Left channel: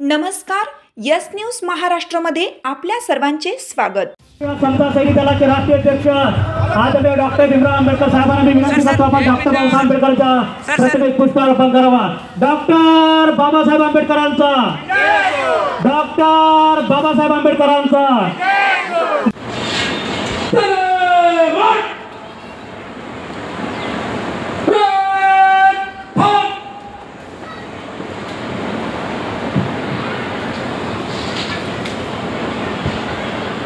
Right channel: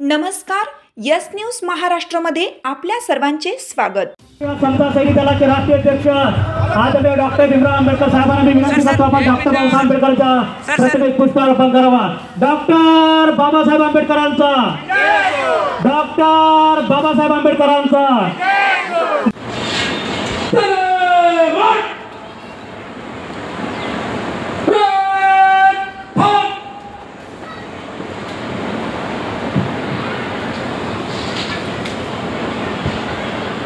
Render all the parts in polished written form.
नमस्कार, yes news महाराष्ट्रमध्ये आपल्या सर्वांचे स्वागत। समता सैनिक दलाचे राष्ट्रीय अध्यक्ष आदरणीय डॉक्टर भीमराव आंबेडकर साहेबांना मी विनंती करतो आपण डॉक्टर बाबासाहेब आंबेडकरांचा प्रतिमेत पुष्पार्पण करावा। डॉक्टर बाबासाहेब आंबेडकरांचा, डॉक्टर बाबासाहेब आंबेडकरांचा।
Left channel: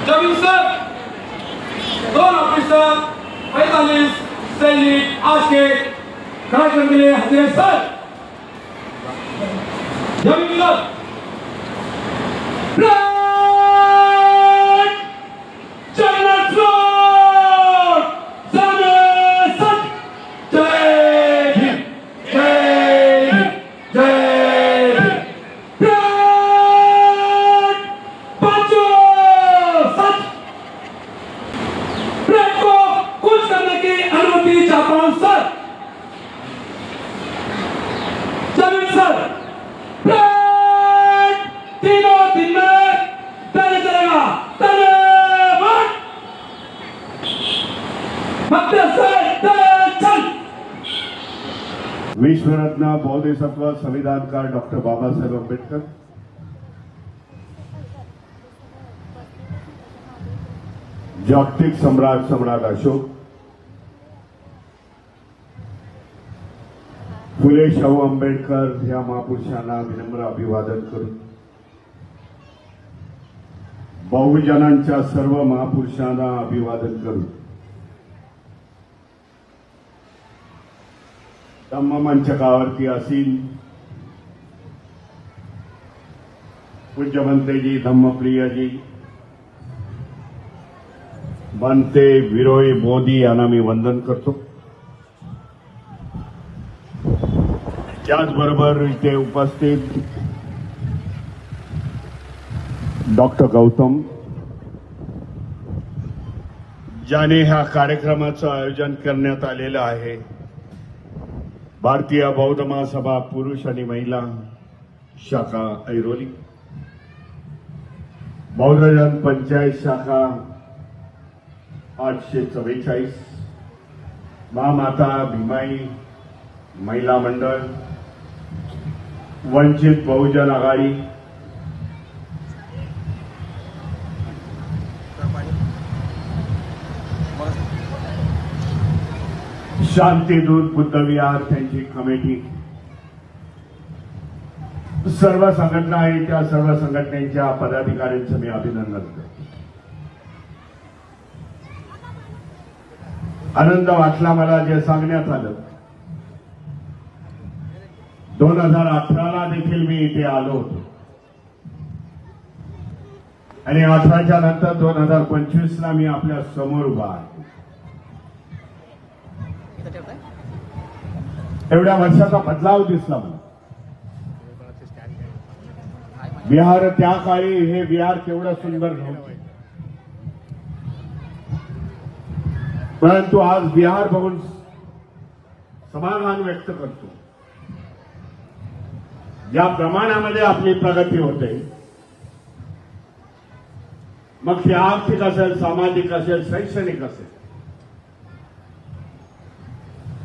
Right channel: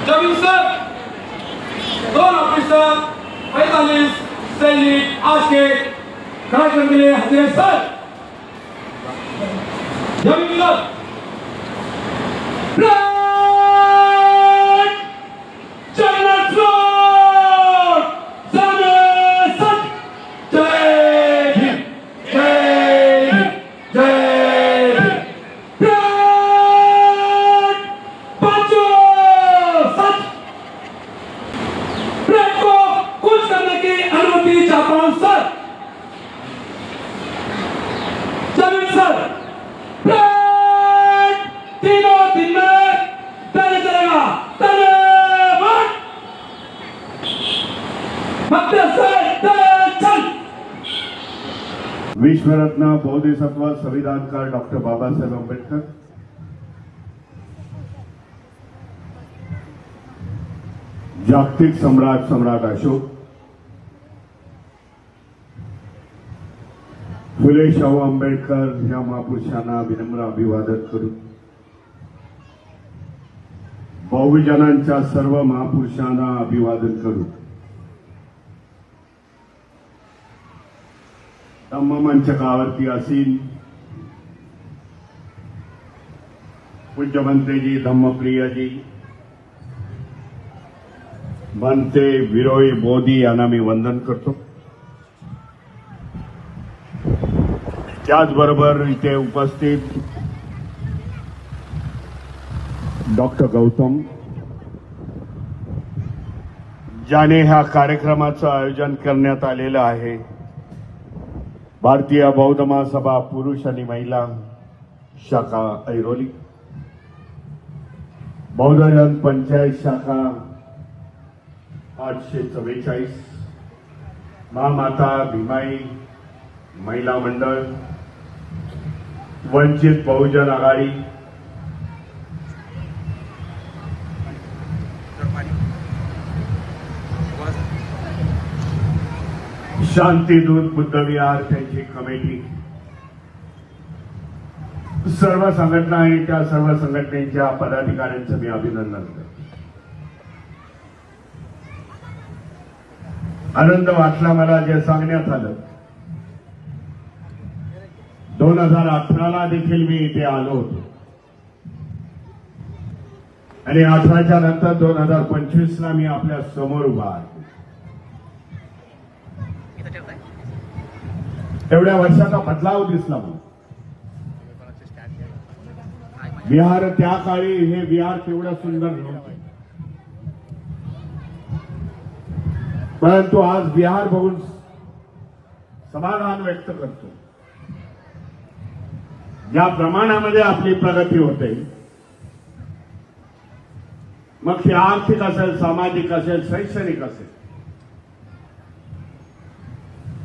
जमीन सर, दोन ऑफिसर 45 सैनिक आज के कार्यक्रम के लिए हाजिर सर। जमीन सर, विश्वरत्न बोधिसत्व संविधानकार डॉक्टर बाबासाहेब आंबेडकर, जागतिक सम्राट अशोक, फुले शाहू आंबेडकर या महापुरुषांना विनम्र अभिवादन करून बहुजनांच्या सर्व महापुरुषांना अभिवादन करून धम्ममंचकावरती असील पूज्य मंत्रीजी, धम्मप्रियजी, बनते विरोई मोदी यांना मी वंदन करतो। त्याचबरोबर इथे उपस्थित डॉक्टर गौतम, ज्याने ह्या कार्यक्रमाचं आयोजन करण्यात आलेलं आहे, भारतीय बौद्ध महासभा पुरुष आणि महिला शाखा ऐरोली, बौद्धजन पंचायत शाखा 844, महामाता भीमाई महिला मंडळ, वंचित बहुजन आघाडी, शांतीदूत बुद्ध विहार त्यांची कमिटी, सर्व संघटना आहे, त्या सर्व संघटनेच्या पदाधिकाऱ्यांचं मी अभिनंदन करतो। आनंद वाटला मला जे सांगण्यात आलं। 2018ला देखील मी इथे आलो होतो आणि 18च्या नंतर 2025ला मी आपल्या समोर उभा आहे। एवढ्या वर्षाचा बदलाव दिसला मला। विहार त्या काळी हे विहार केवढं सुंदर नव्हते, परंतु आज विहार बघून समाधान व्यक्त करतो। ज्या प्रमाणामध्ये आपली प्रगती होते, मग ती आर्थिक असेल, सामाजिक असेल, शैक्षणिक असेल,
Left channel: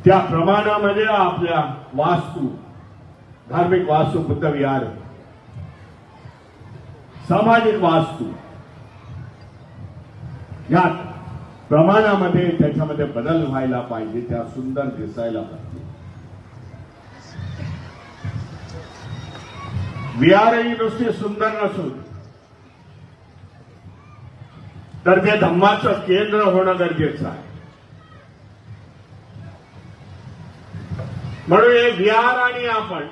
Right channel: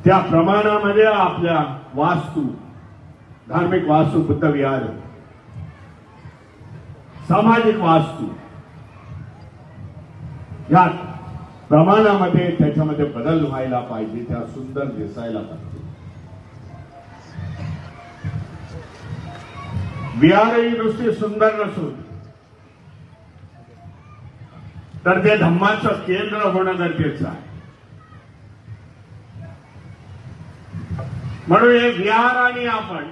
त्या प्रमाणामध्ये आपल्या वास्तू, धार्मिक वास्तू, बुद्ध विहार, सामाजिक वास्तू, या प्रमाणामध्ये त्याच्यामध्ये बदल व्हायला पाहिजे, त्या सुंदर दिसायला पाहिजे। विहार ही नुसती सुंदर नसून तर ते धम्माचं केंद्र होणं गरजेचं आहे। म्हणून हे विहार आणि आपण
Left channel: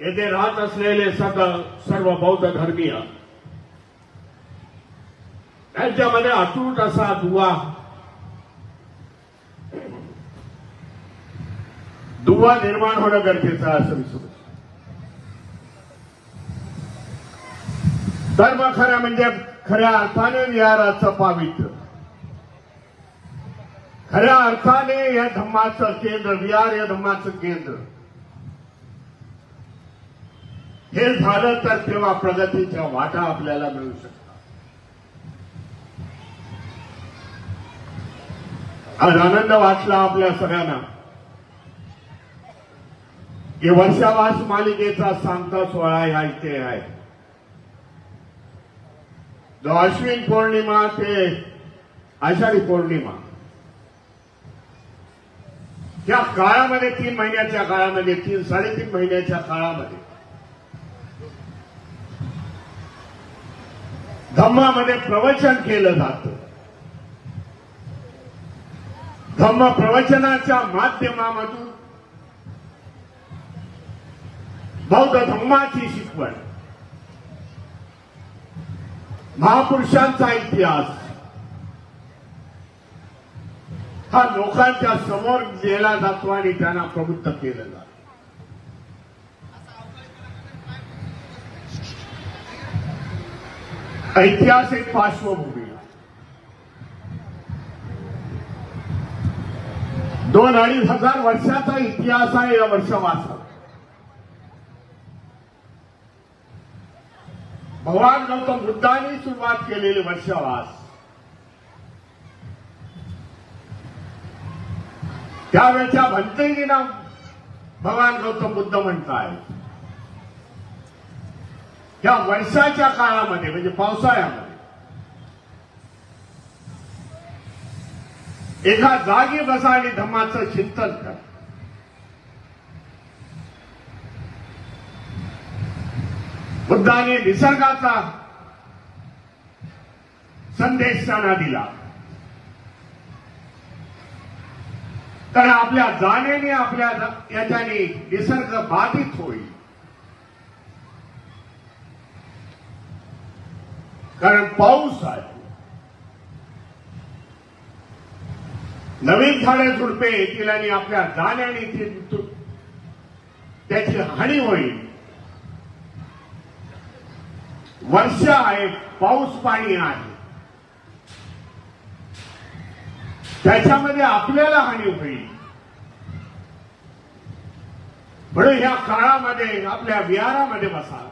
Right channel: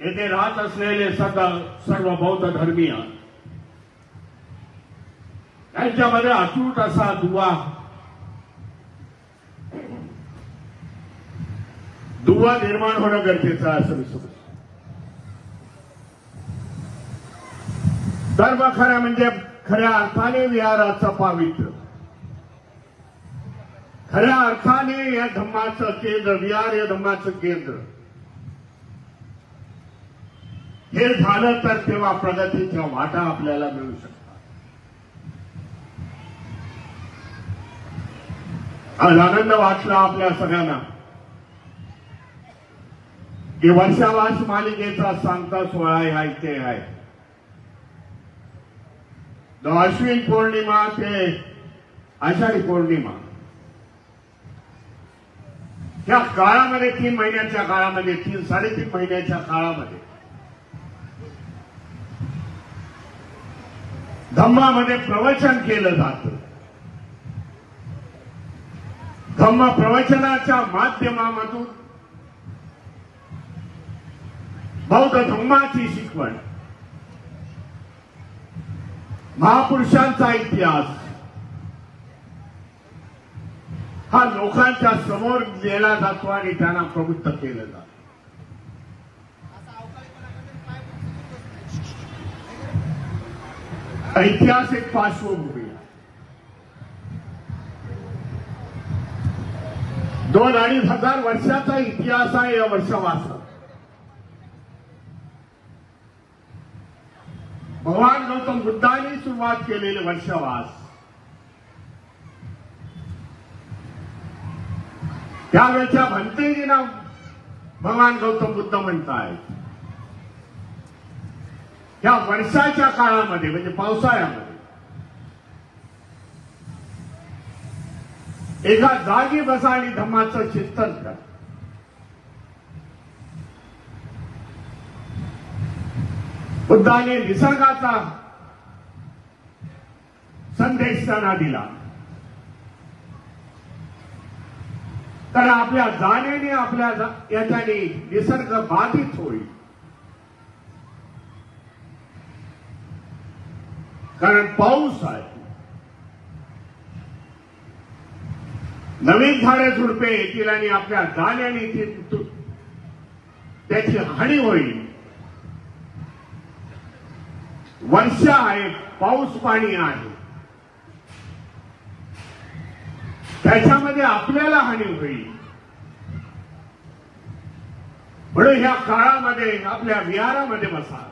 येथे राहत असलेले सर्व बौद्ध धर्मीय यांच्यामध्ये अतूट असा दुवा निर्माण होणं गरजेचं आहे असं मी समजतो। धर्म खऱ्या म्हणजे खऱ्या अर्थाने विहाराचं पावित्र्य, खऱ्या अर्थाने या धम्माचं केंद्र, विहार या धम्माचं केंद्र, हे झालं तर तेव्हा प्रगतीच्या वाटा आपल्याला मिळू शकतात. आज आनंद वाटला आपल्या सगळ्यांना की वर्षावास मालिकेचा सांगता सोहळा या इथे आहे. अश्विन पौर्णिमा ते आषाढी पौर्णिमा त्या काळामध्ये 3 महिन्याच्या काळामध्ये 3-3.5 महिन्याच्या काळामध्ये धम्मामध्ये प्रवचन केलं जातं. धम्म प्रवचनाच्या माध्यमामधून बौद्ध धम्माची शिकवण, महापुरुषांचा इतिहास हा लोकांच्या समोर नेला जातो आणि त्यांना प्रवृत्त केलं जातं. ऐतिहासिक पार्श्वभूमी 2-2.5 हजार वर्षाचा इतिहास आहे या वर्षावासात. भगवान गौतम बुद्धांनी सुरुवात केलेले वर्षावास त्यावेळेच्या भंतेजींना भगवान गौतम बुद्ध म्हणतायत. या वर्षाच्या काळामध्ये म्हणजे पावसाळ्यामध्ये एका जागी बसा आणि धम्माचं चिंतन करा. बुद्धाने निसर्गाचा संदेश त्यांना दिला. कारण आपल्या जाणीने आपल्या याच्याने निसर्ग बाधित होईल. कारण पाऊस आहे, नवीन झाडे झुडपे येतील आणि आपल्या जाण्याने त्याची हानी होईल. वर्ष आहे, पाऊस पाणी आहे, त्याच्यामध्ये आपल्याला हानी होईल. म्हणून ह्या काळामध्ये आपल्या विहारामध्ये बसा,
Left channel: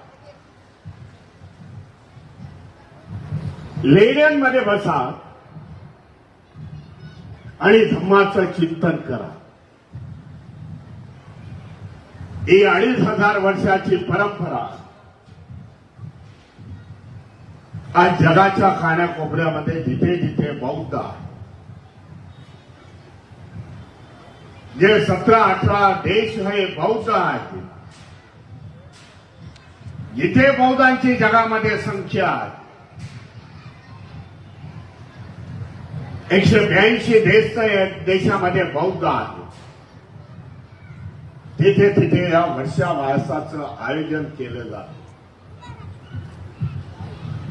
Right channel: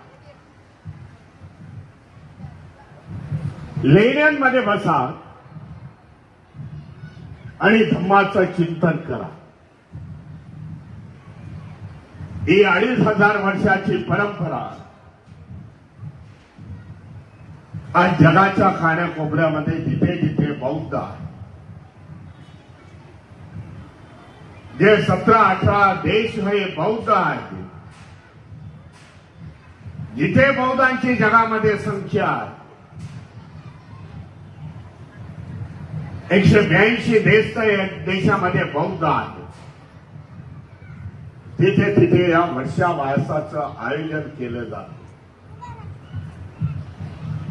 लेण्यांमध्ये बसा आणि धम्माचं चिंतन करा. ही 2,500 वर्षाची परंपरा आज जगाच्या कानाकोपऱ्यामध्ये जिथे जिथे बौद्ध आहे, जे 17-18 देश हे बौद्ध आहेत, जिथे बौद्धांची जगामध्ये संख्या आहे, 182 देशामध्ये बौद्ध आहेत, तिथे तिथे या वर्षावासाचं आयोजन केलं जातं.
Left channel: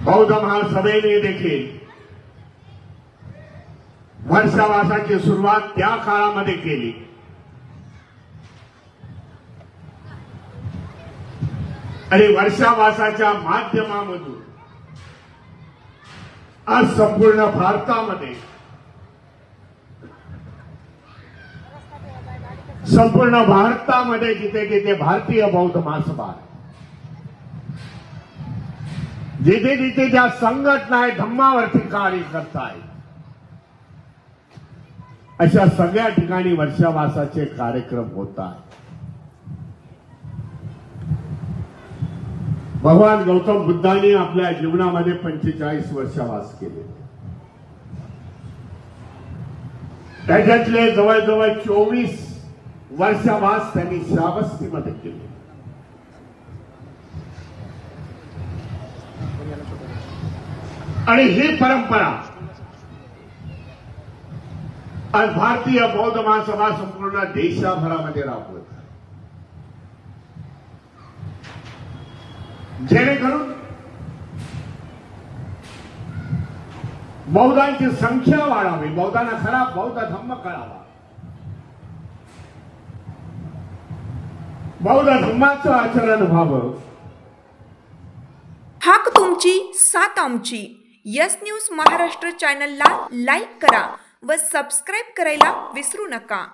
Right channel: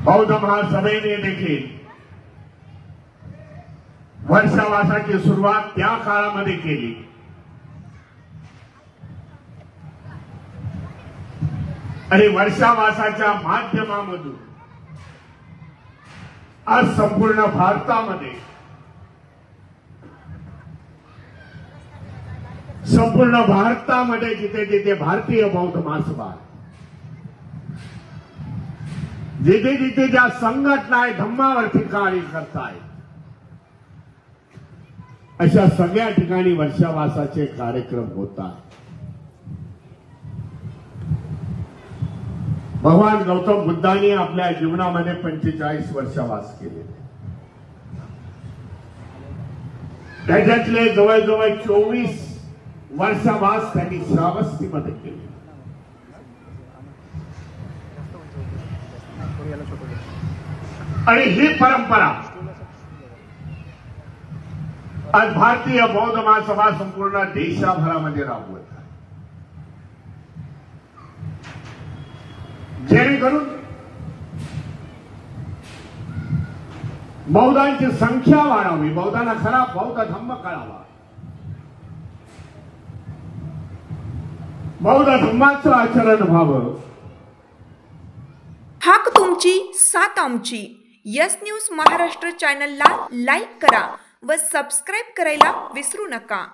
बौद्ध महासभेने देखील वर्षावासाची सुरुवात त्या काळामध्ये केली. आणि वर्षावासाच्या माध्यमामधून आज संपूर्ण भारतामध्ये जिथे जिथे भारतीय बौद्ध महासभा, जिथे जिथे ज्या संघटना आहे धम्मावरती कार्य करतायत, अशा सगळ्या ठिकाणी वर्षावासाचे कार्यक्रम होतात. भगवान गौतम बुद्धांनी आपल्या जीवनामध्ये 45 वर्षावास केले. त्याच्यातले जवळजवळ 24 वर्षावास त्यांनी श्रावस्तीमध्ये केले. आणि ही परंपरा आज भारतीय बौद्ध महासभा संपूर्ण देशभरामध्ये राबवत आहे, जेणेकरून बौद्धांची संख्या वाढावी, बौद्धांना खरा बौद्ध धम्म कळावा, बौद्ध धम्माचं आचरण व्हावं. हाक तुमची साथ आमची. यस न्यूज महाराष्ट्र चॅनलला लाईक करा व सबस्क्राईब करायला विसरू नका.